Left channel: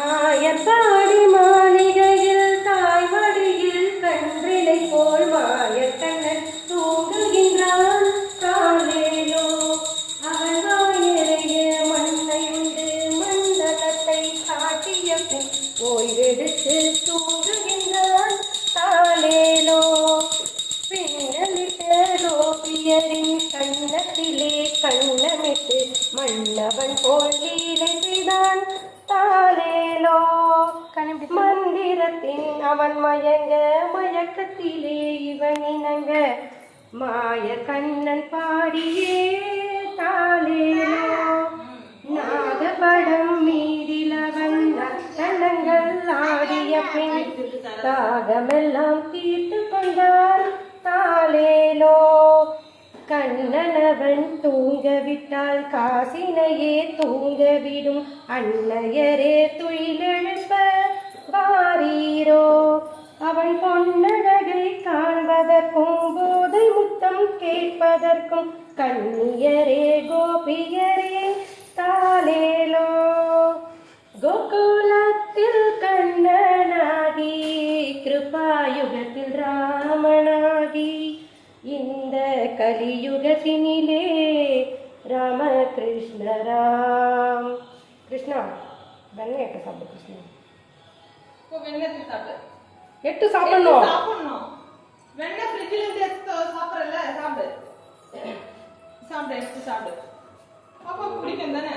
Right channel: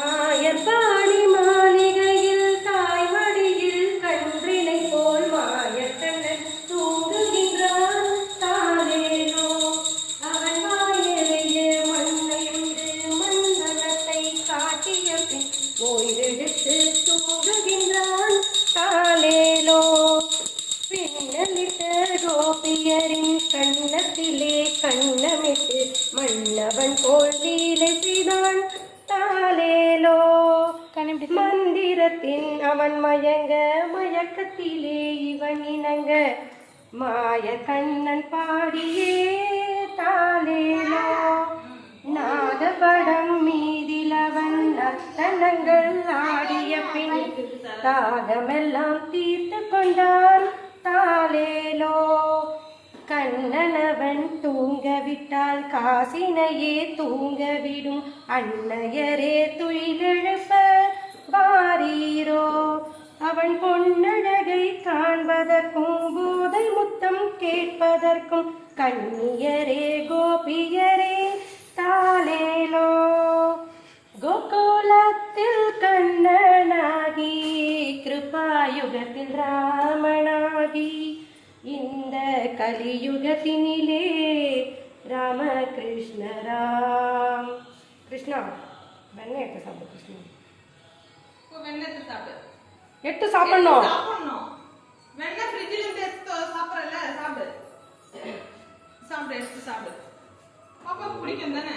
ஆயர்பாடி மாளிகையில் தாய்மடியில் கன்றிலை போல் மாயக்கண்ணன் தூங்குகின்றான். காலேலோ அவன் வாயெறிய மண்ணையுண்டு மந்தனத்தை காட்டிய பின் ஓய்வெடுத்து தூங்குகின்றான். காலேலோ பின்னலிட்ட கோபியரின் கண்ணத்திலே கண்ணமிட்டு மன்னவன் போல் லீலை செய்தான். தாலேலோ மந்திரத்தின் அவன் மயங்க மயக்கத்திலே இவன் இணங்க மாய கண்ணன் பாடியே. தாலேலோ நாதபடம் மீதில வந்த தனங்கள் ஆடிய பின் தாகமெல்லாம் தீர்த்து கொண்டான். தாலேலோ கண்ணனவன் தூங்கவிட்டால் காசினையே தூங்கவிடும் அன்னையரே துயிலெழுப்ப வாரீரோ. அவன் பொன்னழகை காண்பதற்கும் போதை முத்தம் கேட்பதற்கும் கண்ணியரே கோபியரே. தாலேலோ கோகுலத்தில் கண்ணனாகி கிருபாயுகத்தில் ராமனாகி இந்த கலியுகத்தினிலே ராமகிருஷ்ண ராம் கிருஷ்ணா வெண்ணெய் எட்டு சாப்பிடு. கிருஷ்ணா வெண்ணெய் சாப்பிடு. எட்டு சாப்பிடணும். வெண்ணெய் ஃப்ரிட்ஜில் இருந்து எடுத்து சாப்பிட்றல சாப்பிடு. சாப்பிடு எடுத்து சாப்பிடு. பாப்பா பிடிக்கும் தானே.